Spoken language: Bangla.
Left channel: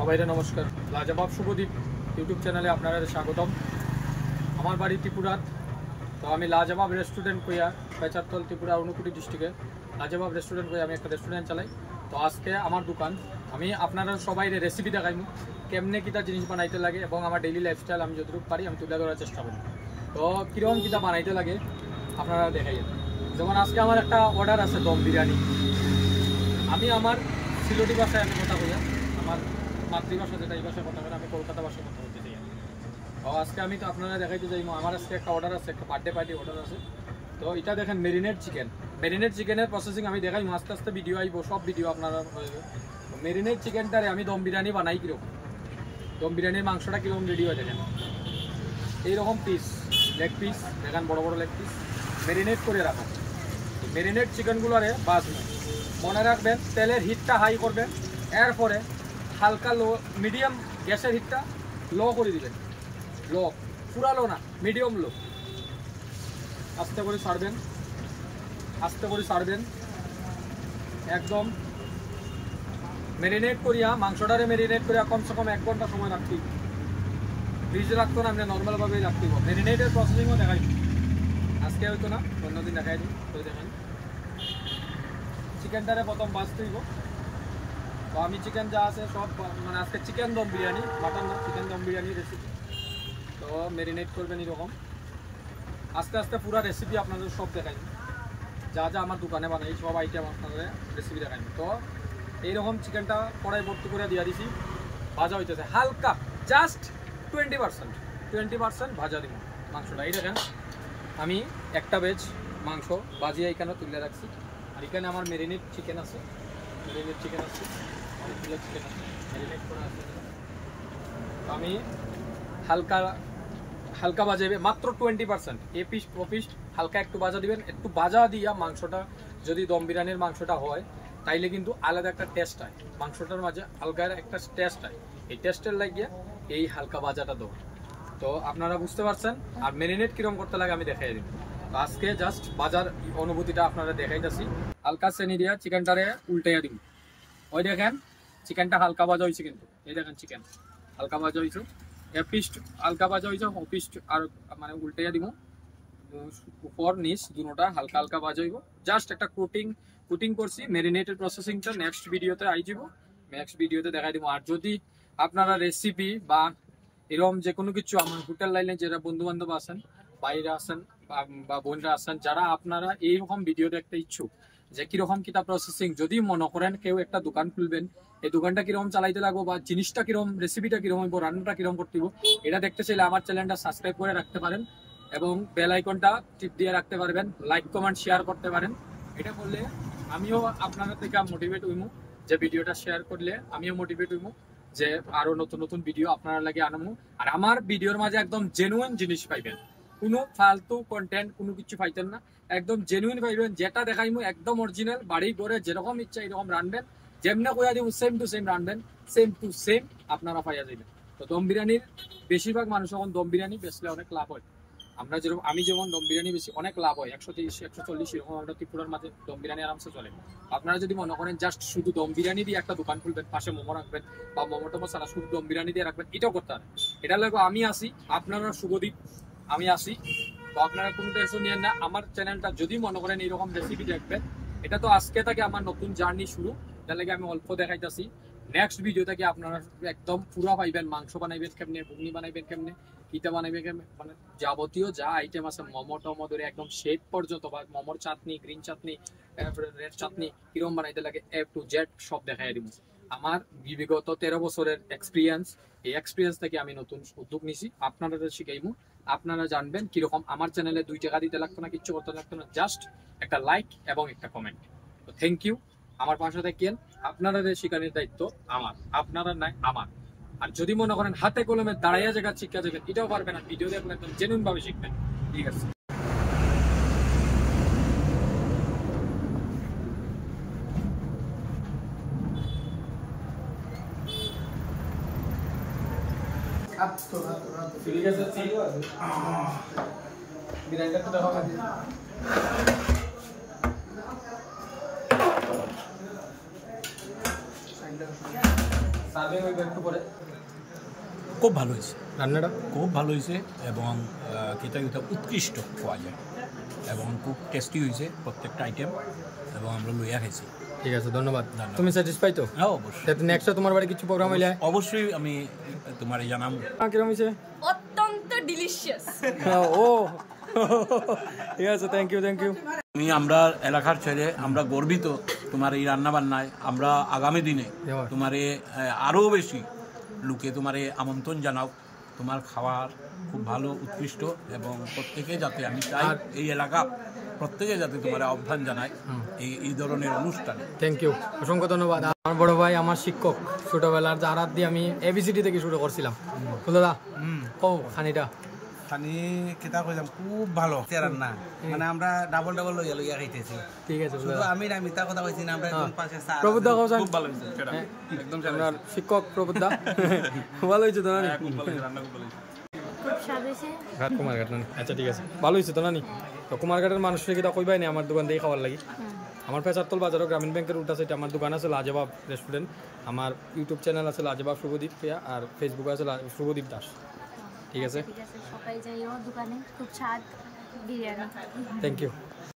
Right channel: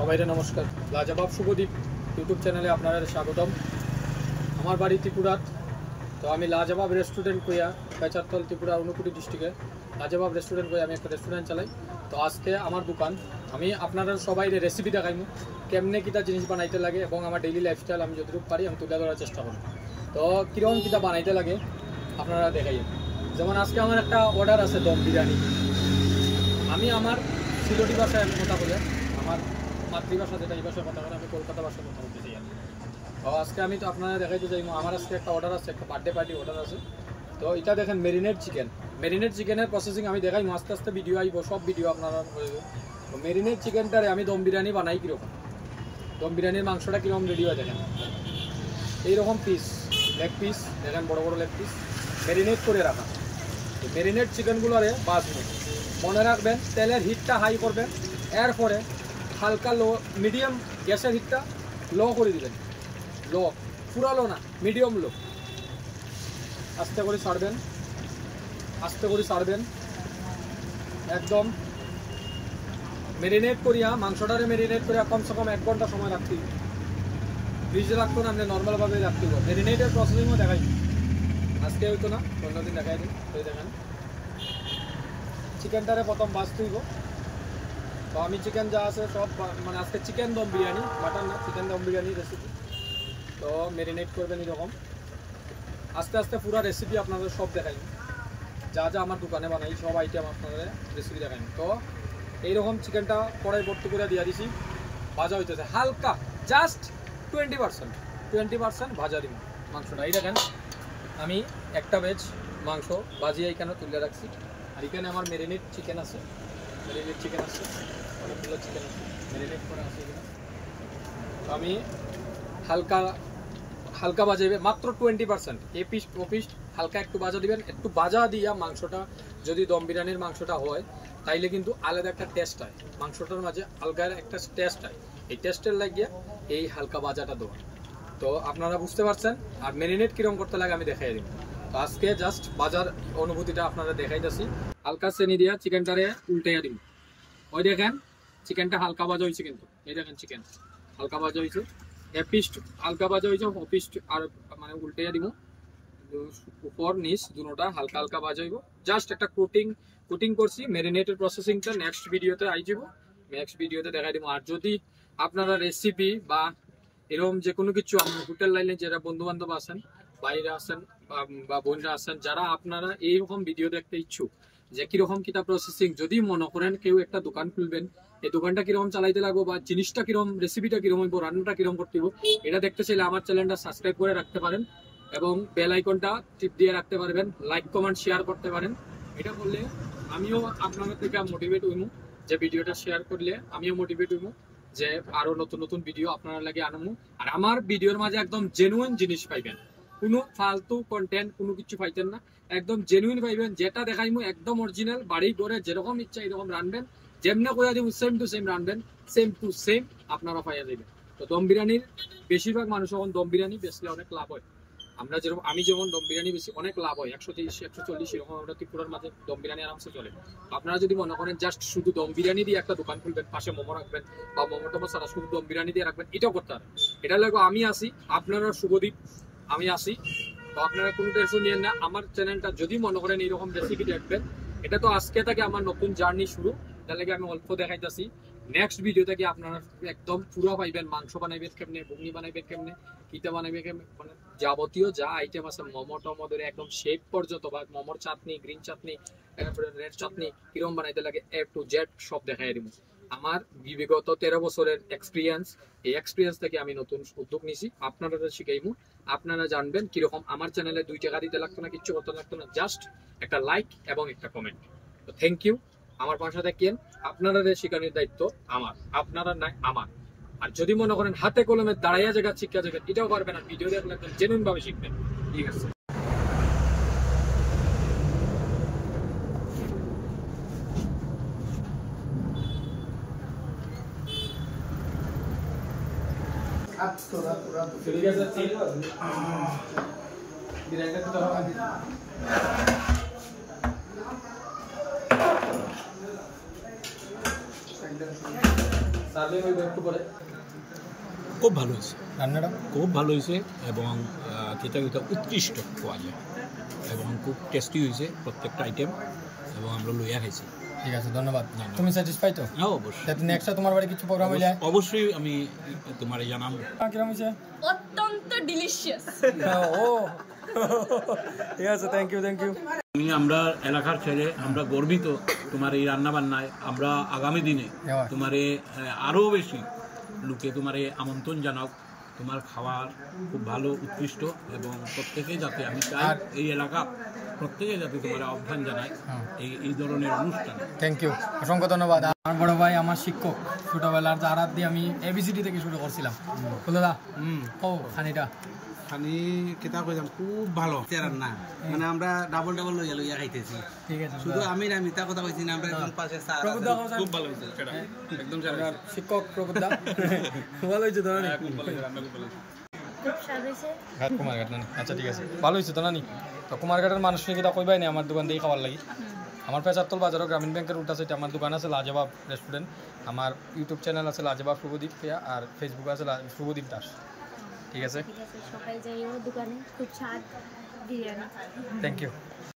সবাইরে নমস্কার। লাজবাব শুভদীপ ইউটিউব চ্যানেলে আপনারা স্বাগতম। আমার বাড়ি ত্রিপুরাত, তো আমি লাজবাব রেস্টুরেন্ট কইয়া পেচারতল ত্রিপুরা অনুকুটি ডিস্ট্রিক্টে লাজবাব রেস্টুরেন্ট কইয়া আমি একটা রেস্টুরেন্ট চালাই। তো আজকে আমার দোকান আমি আপনারা সবাই রেসিপি দেখাইমু কেমনে কিটা জিনিস বানাইতে লাগে এবং আমার ডেইলি লাইফস্টাইল আমি যতটুকু পারি আমি তুলে ধরার চেষ্টা করি। তো কীরকম কিটা বানাইতে লাগে আপনারা দেখাইয়েন। যেমন আজকে আমার একটা অর্ডার আছে দম বিরিয়ানি। আমি আমার সিলেটি ভাষায় আমি কথা বলি, আমার মাতৃভাষা যেটা এই ভাষায় কথা বলে, আমি কলকাতা ভাষায় কথা বলতে চাই। তো আজকে আমি তো আপনারা দেখাইতে চাইবো আমার আজকে একটা অর্ডার আছে, একটা বার্থডে পার্টি অর্ডার আছে। তো এটা দেখেন মেরিনেট চিকেনের প্রসেসিং আমি দেখাইমো, আস্তে আস্তে ভিডিও আইব, সব ভিডিও আপনারা হয়ে। তো মেরিনেট চিকেনটারে আমি দম বিরিয়ানি বানাই কীরকম, দম বিরিয়ানির মাংসটা কীরকম রেডি হয় দেখেন। এইরকম পিস, লেগ পিস দেখেন, বড় বড় লেগ পিস মেরিনেট করে রাখা। এই মেরিনেট চিকেনগুলোরে বাঁচবেন, মনে রাখবেন তেলের হিটটা হাই করবেন, এরপরে হালকা লো মিডিয়াম গ্যাসের হিটটা লো করে দিবেন, লো পুরা লো না, মিডিয়াম লো। আস্তে করে ছাড়বেন একদম। মেরিনেট করিয়া মাংসটারে মেরিনেট করিয়া কমসে কম 1 ঘন্টা সময় রাখতে, ফ্রিজে রাখতো না, আপনি নর্মালভাবেই রাখতে হবে। মেরিনেটের প্রসেসিংও দেখাই আজকে হইতো না, অন্যদিন দেখাই দিন। তো দেখেন চিকেনটারে প্রথম বাঁচতে হইব। তো আমি চিকেন যা আছে সব মানে আজকে চিকেন দম বিরিয়ানি, মাটন না, চিকেন দম বিরিয়ানি রেসিপি। তো ম্যারিনেট করবেন এরকম, আস্তে আস্তে পুরো রেসিপি আপনাদের সব দেখাই, যা যা আমার দোকানে বানাই সব আইটেম আপনাদের রেসিপি দেখাই। তো এইরকম চিকেনটা কড়াই ভর্তি করে দিয়ে দিছি, ভাজা হইতেছে হালকা, জাস্ট 20% ভাজা দিব মাংসটা। এই দেখেন আমি একটা ভেজ মাংস ভাজিয়ে এখানে তুলে রাখছি, আর এখানে আমার মেরিনেট চিকেন আছে, অনেকগুলো চিকেন আছে মেরিনেট করা আছে। আমি হালকা বাজাইবে, মাত্র 20%, এ পিস ও পিস হালকা একটু ভাজা দিবেন। একটু ভাজা দিয়া মাংসটা যদি দম বিরিয়ানির মাংসটা হয় তাইলে কিন্তু আলাদা একটা টেস্ট হয়, মাংসটার মাঝে আলগা একটা টেস্ট হয়। এই টেস্টের লাগিয়ে এই হালকা ভাজাটা দেবো। তো আপনারা বুঝতে পারছেন। আর মেরিনেট কিরকম করতে লাগে আমি দেখাই দিব। আজকে জাস্ট বাজার অনুভূতিটা আপনারা দেখাইতেছি। হালকা চেনি দিয়া চিকেনটারে উল্টাইয়া দিব। ওই দেখেন চিকেনটা হালকা ভাজা হয়েছে, কিন্তু এই দেখেন চিকেন হালকা ভাজা হয়েছে, এ পিস হালকা ভাজা হয়েছে, ও পিস আর মানে উল্টাইয়া দিব, উপর নিচ দুটোটা হালকা হালকা ভাজা হইব। জাস্ট একটা কুটিং করছি। মেরিনেটের প্রসেসিংটা নেক্সট ভিডিওতে আই যাব, নেক্সট ভিডিওতে দেখাই দিব। আর যদি আপনারা রেসিপি বা এরকম যে কোনো কিছু আমার হোটেল লাইনে যারা বন্ধু বান্ধব আছেন, বাইরে আছেন বা বোনরা আছেন, যারা আপনারা এইরকম ভিডিও দেখতে ইচ্ছুক যে কিরকম কিতা প্রসেসিং, যদি মনে করেন কেউ একটা দোকান খুলবেন, এই দোকানটা কিরকম চালাইতে লাগবো বা জিনিসটা কিরকম, রেসিপিটা কিরকম হইব, রান্নাটা কিরকম করতে হইব, এটা দেখতে চাইলে আমার চ্যানেলটা সাবস্ক্রাইব করে রাখতে পারেন এবং বেল আইকনটা টিপ দিয়ে রাখতে পারবেন, লাইক কমেন্ট শেয়ার করতে পারেন। এটা করলে আমিও আপনাদের থেকে মোটিভেট হইমু, যে ভিডিওটা শেয়ার করলে আমিও মোটিভেট হইমু যে আরো নতুন নতুন ভিডিও আপনারা লাগে আনমু। আর আমার ভিডিওর মাঝে একদম জেনুইন জিনিস পাইবেন, কোনো ফালতু কন্টেন্ট কোনো কিছু পাইতেন না, একদম জেনুইন পাইবেন। যেটা দেখাইমু একদম অরিজিনাল, বাড়ি ঘরে যেরকম ইচ্ছা এরকম রানবেন, যেমনি কইয়া দিব সেম টু সেম রানবেন, সেম টু সেম আপনারা পাইয়া যাবেন। তো দম বিরিয়ানির বেশিরভাগ মানুষ এখন দম বিরিয়ানি বেচলে অনেক লাভ হয়। আমি যেমন দম বিরিয়ানি বেশি অনেক লাভ হয়, 130 140 এরকম আমরা ত্রিপুরার মাঝে দম বিরিয়ানি আরামসে চলে। আপনারা যদি মনে করেন জাস্ট শুধু দম বিরিয়ানি দিয়ে একটা দোকান খুলবেন, পাশে মোমো রাখবেন বা মোমো টোমো ছাড়া শুধু দম বিরিয়ানি দিয়ে রাখবেন, এটাও করতে পারেন। এটা লাগবে আমি আসি, আপনারা শুভদীপ আমি আসি। তো আপনারা কোনো টেনশন নিয়েন না। আমার চ্যানেলটা যদি মনে করেন এইরকম রেসিপি দেখবেন, এটা তো আজকে থেকে আমার নতুন জার্নি শুরু, তার লাগে আমি অল্প দেখাইতেছি। নেক্সট ভিডিও থেকে আপনারা একদম পুরো পাইবেন, মাংস বানাইবেন কেমনে, ঘুগনি বানাইবেন কেমনে, কিতা বানাইবেন কেমনে, মানে যাবতীয় যা আইটেম আছে মোমো টোমো ধরে একদম শেপ পর্যন্ত, বা মোমোর চাটনি, গ্রিন চাটনি, তারপরে রেড চাটনি কিরকম বানাইতে লাগে A to Z সব দেখাই দিব। আমার বিগত 13 বছরের এক্সপিরিয়েন্স, এই এক্সপিরিয়েন্স থেকে আমি নতুন উদ্যোগ নিছি, আপনারা শিখাইমু। আপনারা জানবেন কিরকম। আমার চ্যানেলে 2 টাকা দিতে লাগতো না, কিচ্ছু করতে লাগতো না, জাস্ট একটা লাইক এবং একটা কমেন্ট। তো থ্যাংক ইউ। আমার পাশে থাকেন, আপনারা শিখানোর দায়িত্ব আমার, আপনারা নাই আমার। আর যদি মনে করেন হাতে কলমে দাঁড়াইয়া জায়গা শিক্ষা যাবেন, এটাও পারবেন না, ভিডিও দেখলে একদম জেনুইন ভাবে শিখবেন। ঠিক আছে। ঠিক আছে, বিরিয়ানিটা তো দেখা দিই। Thank you. সার্ভিং হইবে একটু পরে। খুব ভালো হয়েছে, রান্নাটা খুব ভালো হয়েছে এবং খেতে খেতে উৎকৃষ্ট পাওয়া যায় এবং খুব টেস্টি হয়েছে প্রত্যেকটা আইটেম এবং আমরা লইয়া খাইছি। ঠিক আছে, ধন্যবাদ। তুমি স্যাটিসফাই তো? হ্যাঁ অবশ্যই। নেক্সট তোমার বাড়ি কিছু প্রোগ্রাম হইলে অবশ্যই আমি তোমারে জানাবো। কিরকম হয়েছে? অত্যন্ত ডিলিশিয়াস। ও ঠিক আছে, থ্যাংক ইউ থ্যাংক ইউ। আমরা এলাকার ছেলে, আমরা গর্বিত তোমার এই রান্না বান্নায়। আমরা আগামী দিনে তোমারে আরও বেশি লোকে তোমারে আমন্ত্রণ জানাও। তোমার খাবার খুব ভালো, উৎকৃষ্ট এবং প্রত্যেকে যাতে, আমি চাই এই এলাকা প্রত্যেকে যাতে তোমার আহ্বান জানায় এই ধরনের অনুষ্ঠানে। থ্যাংক ইউ, অসংখ্য ধন্যবাদ। আমার বড় ভাই, আমার শিক্ষক, ছোটবেলার যারা দিয়ে আমি এবিসিডি থেকে শুরু করছিলাম। দাদা কও খানিটা। খানি কেতা কইলাম খুব ভালো রান্না, মানে আমরা ডাবল ডাবল লইয়া লইয়া খাইতেছি। ঠিক আছে, শুধু আমি না মিথ্যা কথা কইছি না, আমরা একদম পাশে চা। প্রবুদ্ধা খুব ভালো হইছে, সেটা একদম সেরা হইছে। শিক্ষক প্রবুদ্ধা ভালো হইছে তো না? খুব ভালো হইছে, রান্না খুব ভালো হইছে, খুব স্বাদ হয়েছে। কুমারঘাট না? আচ্ছা ঠিক আছে, ভালো হয়েছে তো না? তো কুমারঘাটের মানুষকে কিতা কইবাই না আমার দোকান থেকে খাবার লাগি। আমার পেছারতল বাজারও গ্রামীণ ব্যাংকের উল্টা সাইডে আমার দোকান আছে লাজবাব রেস্টুরেন্ট। আমার ইউটিউব চ্যানেল আছে লাজবাব শুভদীপ, আর ফেসবুকে আছে শুভদীপ দাস। ঠিক আছে, ঠিক আছে, সবাই যাইও দোকানে, খুব স্বাদ বিরিয়ানি। Thank you.